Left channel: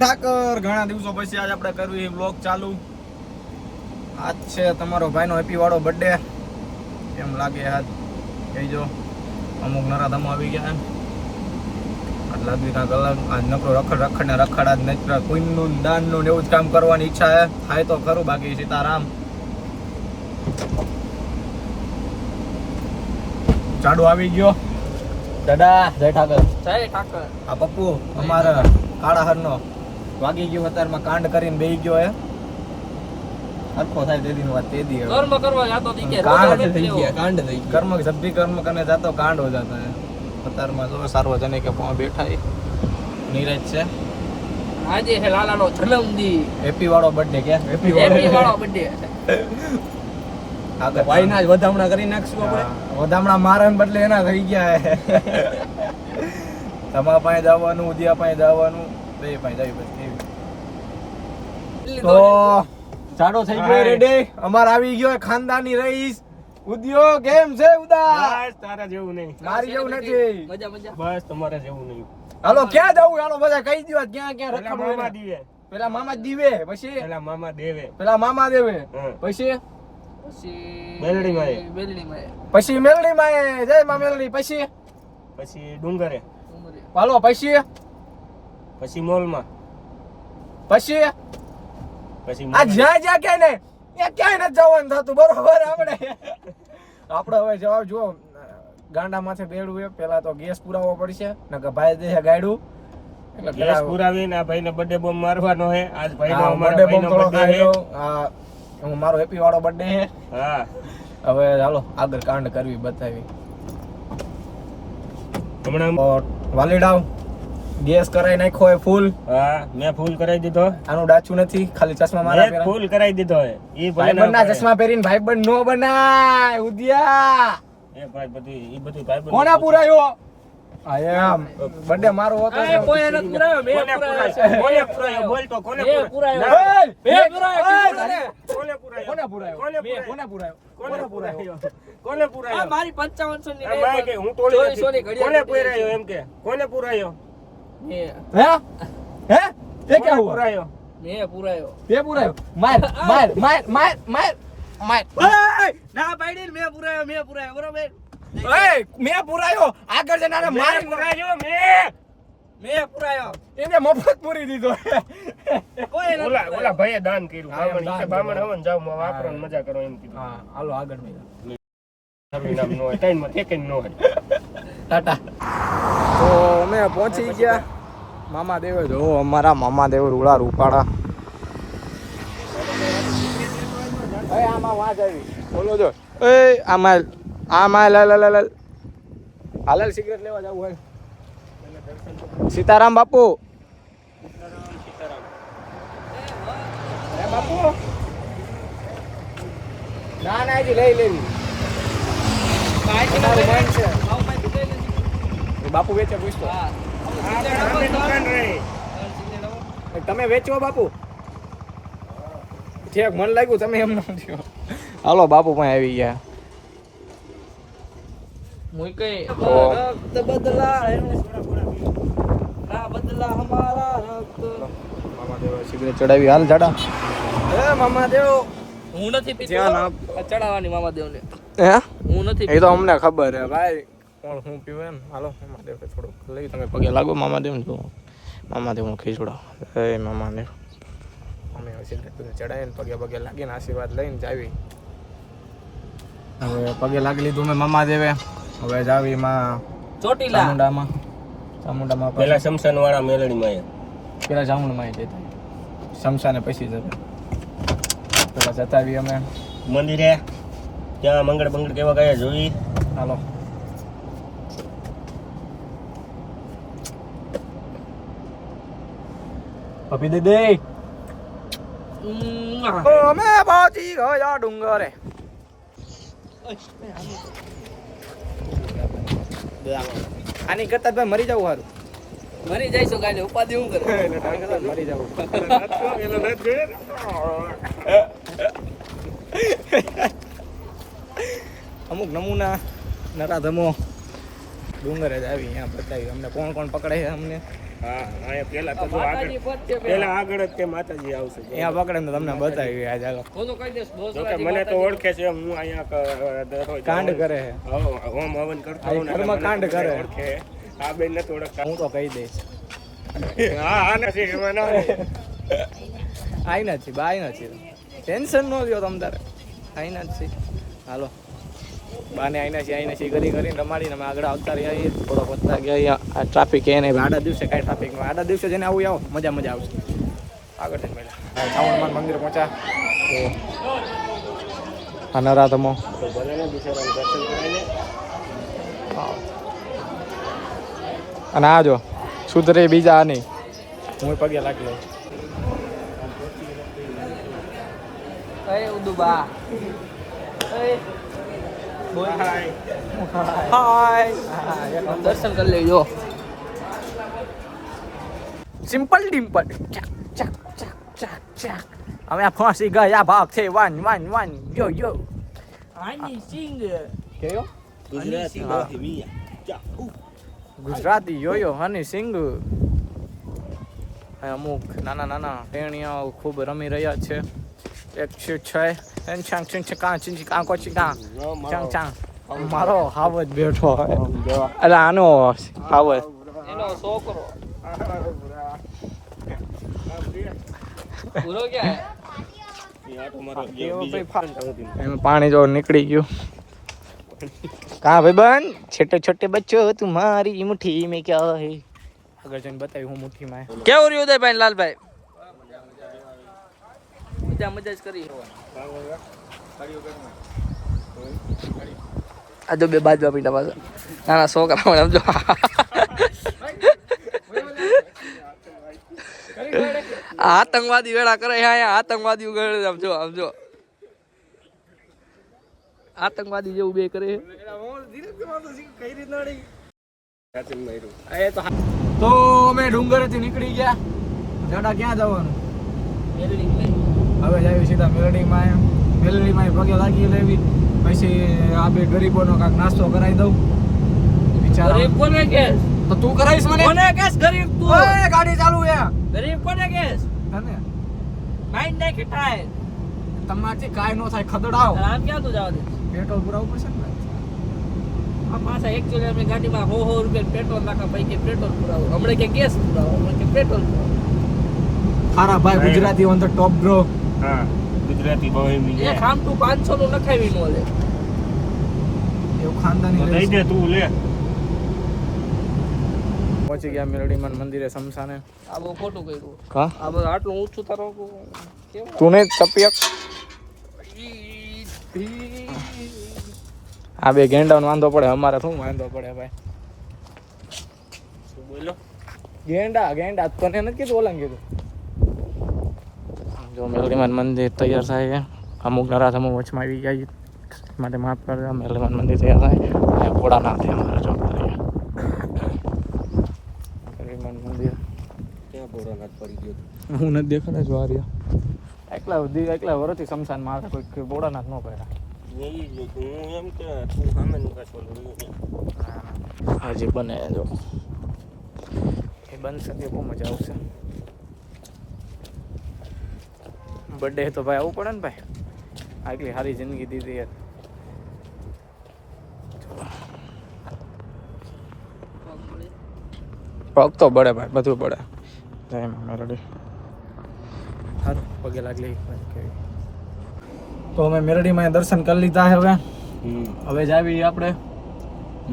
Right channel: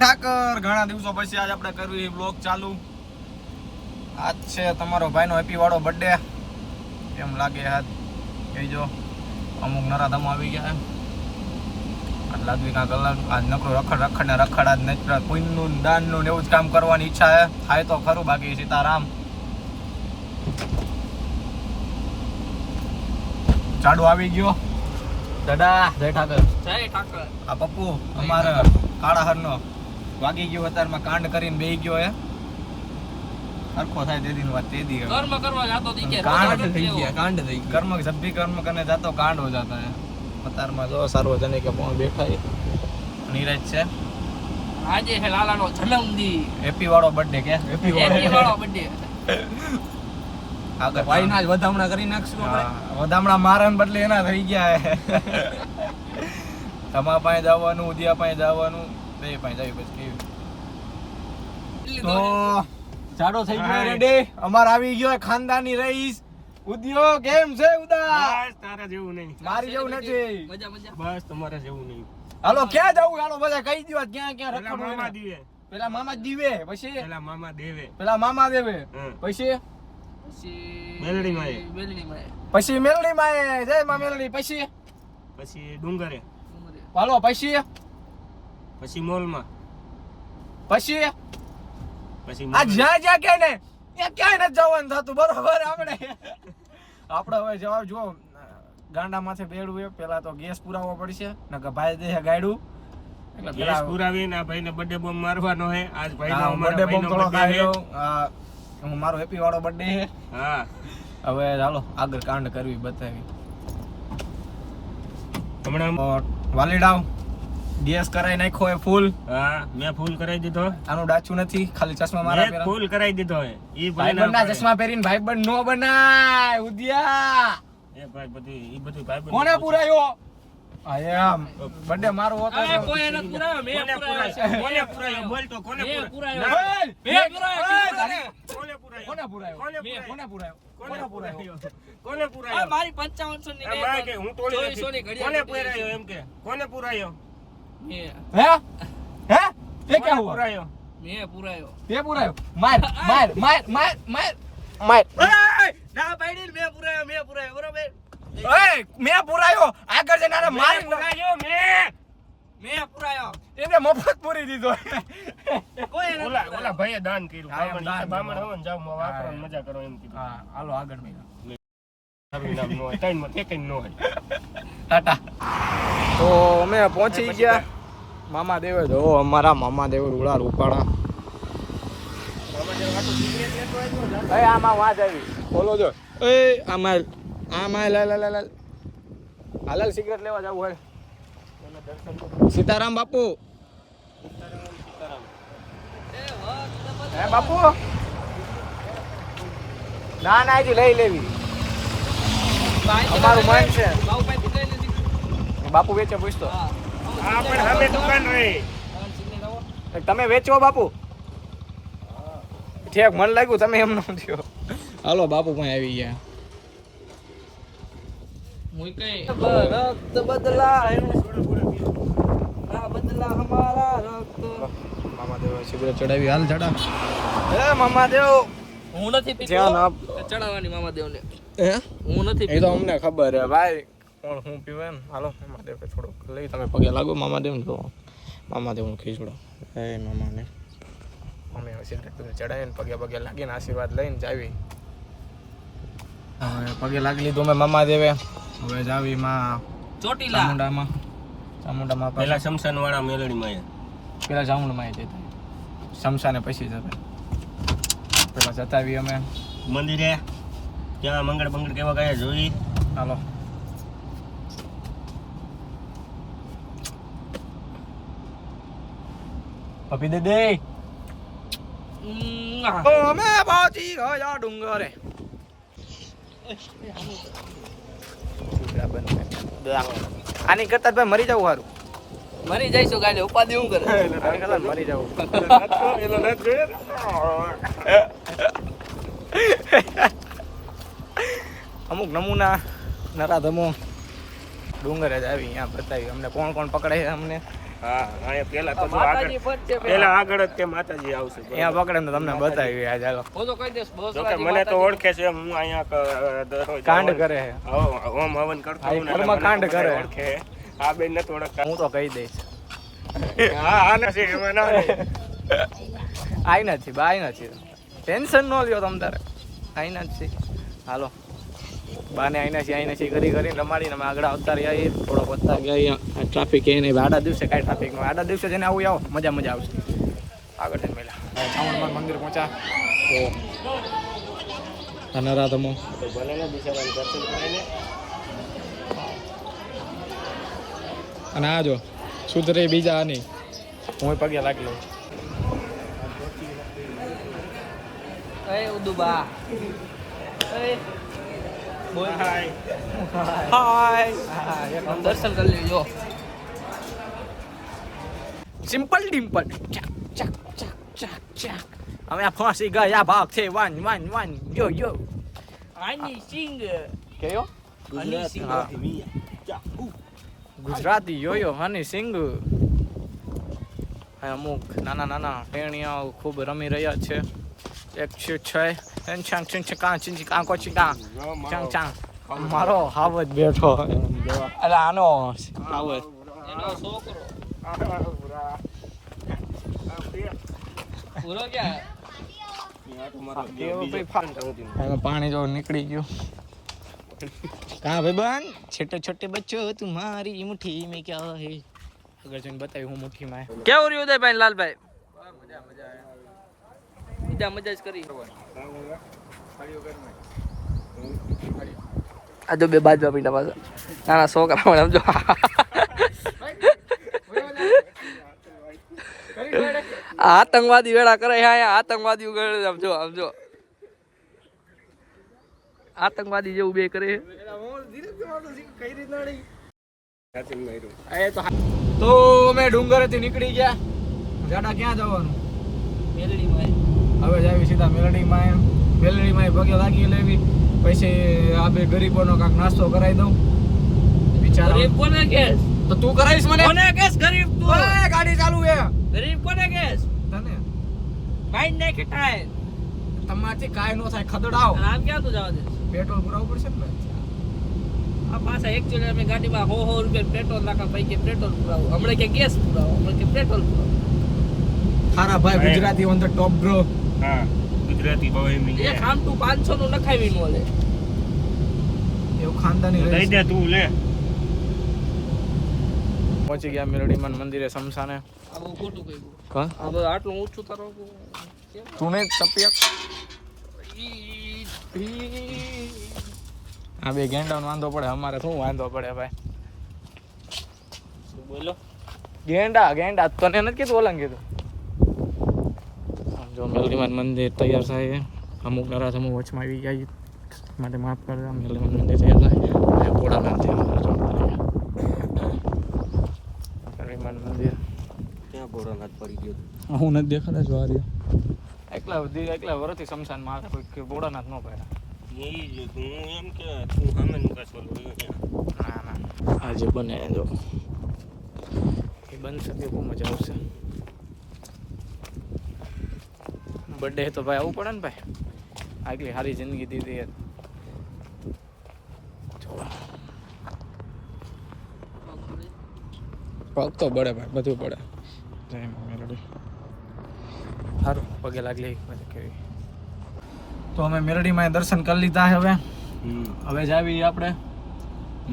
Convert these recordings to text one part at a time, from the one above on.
ઠાકર ઘણા દિવસો પછી આજ આપણે કરવી બ્લોગ ચાલુ. આજ છે તમારો ભાઈનો હેપી વાળો બર્થડે. એમ લાગે આજ કહીજો અમુક નરાધમો આવી ગયા. આજ લાગવી કાંક અલગ. આજ નકરો રખડ ને રખડ. આજ નકરા કોઈનું દાનનું ને એવું જ કામ કરવાની ઈચ્છા છે. થાય તો ખરું, બાકી સીતારામ. ચાડુ આવી ગયો. દાદા જય ઠાકર. જય ઠાકર. આ પપ્પુ અમારા કાળા હરનો વાગી ગયો અત્યારમાં કાંડ કરીને બેહી ગયો હે. હરખો થાય તે દી વાત તે દી કર્મ કરવા જાતો દી કે કાંડ થઈ ગયા. કર્મ જબ ભી કર્મ કરને જાતો કાંડ હો જાતા હે. અત્યારમાં જો સાર્વજનિક પોં બેઠા હે. નીરજ છે. આજે છે લાલાનો જન્મદિન. હેપી વાળો બર્થડે કે હેપી વાળો બર્થડે. આગળ ભાઈ ના જ વધામણા કરી નાખશું આપણે. વધામણા મારાને બદલે એના થઈ ગયા હે. તમારા પાસે જવાનું, ઉદિયા પાસે જવાનું, બે પાસે જાવી પછી કેવી. તો ચાડો થઈ ગયો રેડી. અમાર આવી ગયો ખાનદાની રઈસ ઉદિયો. કેમ છે ઉદા? બસ તારા જેવું નહીં, મારી જેવું નથી. મજા મજા. બસ તમારા જેવું નહીં. હાલો ક્યાં જવું? હાલો બધા કહી દો ક્યાં ક્યાં પેલા રખડવું. મામા દીવે, પેલા મામા દીવે, પછી પેલા મામા દેવે, પેલા મામા દેવે, પછી પછી મેલડી માં પછી મેલડી માં. જય માં મેલડી. પછી પછી ડુંગરે, હાલો પછી પછી મોલમાં, પછી પછી આ જ્યાં જ્યાં કે ને ત્યાં ક્યાંય નથી જવાનું થતું. બરોબર. આપણે હવે જવાબ જુઓ. ગાંડા માથે બેડવું એ પેલા તો ગેસ પુરાવો પડશે ને કે ભાઈ દે ગાડું એટલે પેલા પુરાવીને આ ભાઈને બર્થડે બોમ્બ મારવાનો હે. આજ ભાઈનો બર્થડે બોમ્બ થોડો birthday હે. ખાયો. હું મારો હેપી વાળો બર્થડે હે. હા, હવે ચાલો આગળ કાંડ કરવી બતાવી. હમણાં વાલીડાવ ગેસ કરાઈ નાખ્યો હે ફૂલ. હા, મેં ફૂલ કરાવી દીધો. આનું ડાચું નથી, ખાલી ચશ્મા મારા મેં પહેરા. ફૂલ કરાવી દીધો હે. ઈ ભાઈબંધ ના ચશ્મા પહેરીને ભાઈબંધ નો બનાય ઉદિયા. એ ભાઈ બધું ઈ બધું ભાઈ કોના પુરાયો? આયા બર્થડે મારો હતો. એ કોઈ નથી પુરાયો. મેં પુરાયો. કોને પુરાયો? બોલ તો કોને મેં પુરાયો. બોલ! મેં પુરાયો. કોને પુરાયો? કોને પુરાયો? કોને પુરાયો? કોને પુરાયો? કોને પુરાયો? કોને આ પુરાયો? મારી 5500 ની આ ભાઈ કે હું તોડી 2400 ની નથી. કોને ઘડિયાળ પુરાયો એમ કે? કોને પુરાયો? મેં હે? હે? તે કોને કેવું? પુરાયો? મેં પુરાયો. તે પુરાયો? માર માર માર માર માર માર. ના પાડી મેં પુરાયો બરોબર. ઓય મે પુરાયો. આગળ જઈને આને માર પુરાયો મેં પુરાયો. એને મફત પૂરી દીધો. કોઈ ઓલા ભાઈએ દાન કર્યું. હા, એમ બામણ દાન ઈ કે બામણ કર્યું. હવન જાવ માં હા, વાપરો મજા કરો એમ કીધું. હા હાલો આગળ મે. મારું નામ નો હોય, ટાઈમમાં ઠેકાઈ નો હોય. ટાટા. તો અમે પહોંચી ગયા મામા દેવે. જો અમારા મામા દેવ રૂડા રૂપાડા. એ આમાં વાજ આવી બોલો જો. એ આમાં લાલ હાલ સિગરેટ લેવા જવું હોય. સીતારામ બાપુ. હે બાપુ? ના ના હજી લઈ લેવી. અમારું મન છે. બાપુ વેચે પૂછતો. હા, પણ અમે દુકાન રહી. તમે વેચો બાપુ? ઠેક મન લાગ્યું તમે એમ ન થયો. હાલો બાપુ પણ આવી ગયા. મુકઈ રક્ત બદલા ના બદલા હમારા રક્ત. મામા દેવ સિગરેટ ચડાવી. હાલ ચડા. એ મામા દેવ હું નથી પીતો. ધ્યાન આપ. ચડાવવાની મામાદેવ ને. હે હું નથી એ તો અમને ખબર હે ભાઈ કોણ હું પીવે એમ. હાલો મામા દેવ થોડુંક લઈ તમે પગે લાગો મામા દેવ ને. મામા દેવ નું ખીચડો. એ મામા દેવ અમે સિગરેટ ચડાવીને પગે પગે લાગીને આશીર્વાદ લઈને જાવી. હવે પગે લાગી લીધું મેં મામા દેવે. હવે જાવી માં ચોટીલા. ચામુંડામાં પેલા શમશાન વાળા મેલડી માં પેલા ચામુંડમાં જતા. શમશાને પછી જતા. પેલા જતા આવી અમે મંદિરે ત્યાં મંગળ બંગળ કેવા ગયા જોઈ. હાલો પપી દે દે. અમે પહોંચી ગયા ડુંગરે. આની કરતા ભાઈ મરી જવું સારું. મરી જઈશું કાલે ઉપાધિ હું કરે. મરી જવું. અમુક નમૂના નરાધમો ડુંગરે જ આવી અહીંયા બતાવી અમને કોણ કોણ પકડે છે અમને. હા અહીંયા પેલા તો જો માતાજી આગળ પદ છે પેલા આગળ જ તે માતાજી આવશે અહીંયા પકડે ને તમને બતાવી આ ચાલો હું તો કહી દઈશ બહુ જો કે મને તો ઓળખે છે હું અહીંયા દરરોજ કાંડ કરે છે ઓમ હવન કરતો આ હોઉં ને ઘરમાં એટલે કાંડ મને કરે. ઓળખે. આ બેન નથી ઓળખતા હું તો કહી દઈશ હા હા નથી એમાં ના આઈ નથી બાઈ નથી ટેન્શન ન લ્યો તમ તારે આઈ નથી હાલો બાને આઈ નથી કરીને રમાડીને અમે આગળ આવતા રહ્યા થોડો વધતા ગયા અહીંયા આ ટ્રાફિક એને આડા દિવસે કાંઈ ટ્રાફિક ન આડા દિવસે જઈને આવું આવો મજા આવશે આગળ જઈને મળ્યા શ્રાવણમાં મંદિર પહોંચ્યા તો આ નરાધમો તો ભલે ને બિચારાને દર્શન કરાવીને અને આ જો સુધરે બીજા નહીં હું પગે લાગી લઉં એ ઉદુબા એ બોલ હાય. હાય દર્શન કરી લેજો સિમ્પલ ડિમ્પલ ચાક ચાક ચાક ચાક ચાક અમે આ ફાંસી ગયા ભાગ છે વન યો યો આની સિંગ કેયો ગુજરાતી હા. માંથી મિયા. જા, ઉ. ગુજરાતી યોયો હની સિંગ અને અમુક નાના ટેણીયાઓ ખૂબ રમી રહ્યા છે એક છે ચાંગ કાં કાંકો ચાંગ ચાંગ મારો હાવજ બેઠો જોવા. એટલે આનો હાવજ એનો છોકરો આ પ્રિયા. પૂરો ક્યાં આ તો મારો કેવો બીજો ભાઈ ફાન. સૌથી એમાં પાણી જો નીકળી ગયું કहाँ भाई बहन छोटे छोटे बच्चों तुम्हारी मुट्ठी में क्या है अगर जन बताई हूँ मुट्ठी में है કેવું રહ્યું ઉદયભાઈ લાલભાઈ મજા જ કરી આ જો બે બાજુ પીડા પાછા નાના છોકરા સમજો આતંકવાદી વેળા કરે છે અહીંયા આતંકવાદી સમજો આતંકવાદી જેવું બે કરે સાચું માર્યું. તો અમે ડુંગરેથી નીકળી ગયા જાડા ક્યાં જવાનું હવે જાવી સીધા મેલડીમાં પગે લાગી લેવી પછી આ બે ગરીબોનો કાંક નાસ્તો કરાવી દઉં વિચાર ગરીબ કોને કેસ તો તું કરાવીશ મને કોને કેસ ગરીબ તું ઓય ગાડી ચાલુ હે ગરીબ કોને કેસ તને માઇન્ડ નાખી ટાય તમારથી કાંઈ નો થાય ખદડાવ આમ ક્યાં તું જવા દે પેટ્રોલ પુરાવવું પડશે ને આ પાછા એકચ્યુઅલી અમે ગાડીમાં 100 રૂપિયા પેટ્રોલ નાખા પૈકી પેટ્રોલ પુરાવો હમણાં કે ગેસ પુરાવો હમણાં કે પેટ્રોલ પુરાવો ખારા ભાઈ Gujarati on the top bro હા ગુજરાતી બહુ એમ એ ખામ તું 500 નું નખાવી નો લે એવું ખાનદાની દઈ રહેશે. દે તું લે. પહોંચી ગયા મેલડીમાન મંદિરે સમસાને આ બહુ ખોટું કર્યું હા આ બધું આટલું ઊંચું તારો કેમ તું ને તપિયક આ બે ગેંડાનો વાંધો પડે અમારે શું વાંધો પડે ભાઈ શું બોલો ગેંડા તને નથી કીધું ઓલા કીધું જો મેલડીમાન મંદિર તૈયાર થાય છે અમુક નરાથ અમુક વચમાં આવી ગયા માટે માફ કરજો મેલડીમાન મંદિર તૈયાર થાય અને ઘોડા નામ છે અમારે જો મેલડીમાન મંદિર ક્યાં ભોળાનાથ પડી ગયો. હું નથી દેખાતા જો આ રહ્યો એકલા વરથી શમશાનમાં આવે કોઈ ભોળાનાથ ન પડ્યા એ જ હું એમ કે તું સામે નું કાચ ઓલું રહ્યું ત્યાં. ના આજે બને જો એ બનશે તે બહુ મજા આવશે બર્થડે તો ભાઈ આવવું પડે ને ભાઈ આટલી સારી જિંદગી દીધી યાર પગ તો બળે ભાઈ બધું બળે જય મેલડી સારું પગે લાગલી કેવી તો અમે મેલડીમાં દર્શન કરી લીધા હવે હવે જાવી આપણે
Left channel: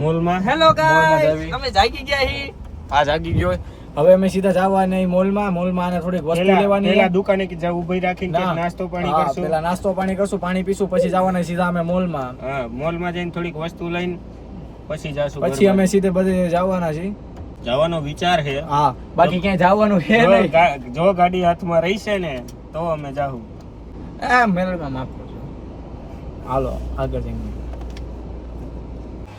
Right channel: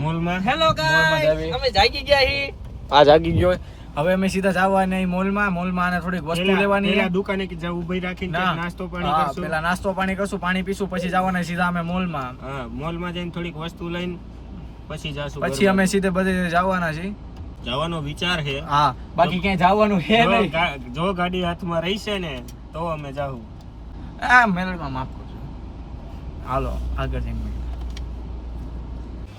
મોલમાં હેલો મોલમાં ગાઈસ જાવી. અમે જાગી ગયા હી આ જાગી ગયો હવે અમે સીધા જવા નહીં મોલમાં આને થોડીક વસ્તુ લેવાની છે. પેલા દુકાને કે જ્યાં ઊભી રાખીને ના. નાસ્તો પાણી હા, કરશું. પેલા નાસ્તો પાણી કરશું પાણી પીશું પછી જવાના સીધા અમે મોલમાં હા મોલમાં જઈને થોડીક વસ્તુ લઈને પછી જાશું પછી અમે સીધે બધે જવાના છીએ જવાનો વિચાર છે. હા બાકી ક્યાંય જવાનું છે નહીં જો ગાડી હાથમાં રહીશે ને તો અમે જાહું. આ મેલમાં માફ કરજો હાલો આગળ જઈને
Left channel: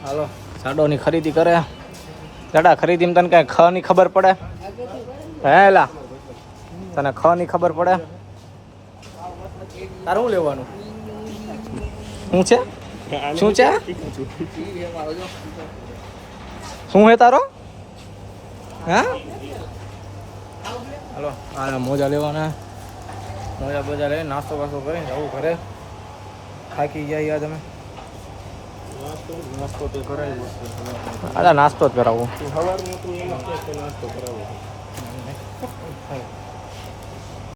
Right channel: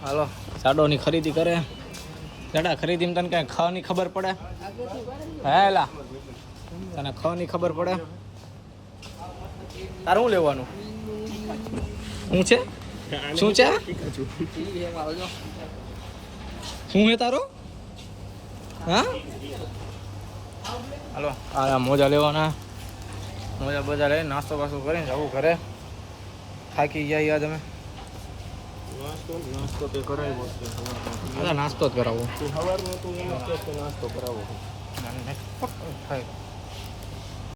હાલો સાડોની ખરીદી કરે દાડા ખરીદીમાં તને કઈ ખ ની ખબર પડે હેલા તને ખ ની ખબર પડે તારે શું લેવાનું શું છે શું છે ટીવી અમારો જો શું હે તારો હા હાલો આના મોજા લેવાના મોજા બોજા લઈને નાસ્તો બાસ્તો કરીને જવું ઘરે થાકી ગયા યાર તમે નાસ્તો તે કરાવ્યો છે અલા નાસ્તો જ કરાવો સવારમાં તું એમ કે નાસ્તો કરાવો થાય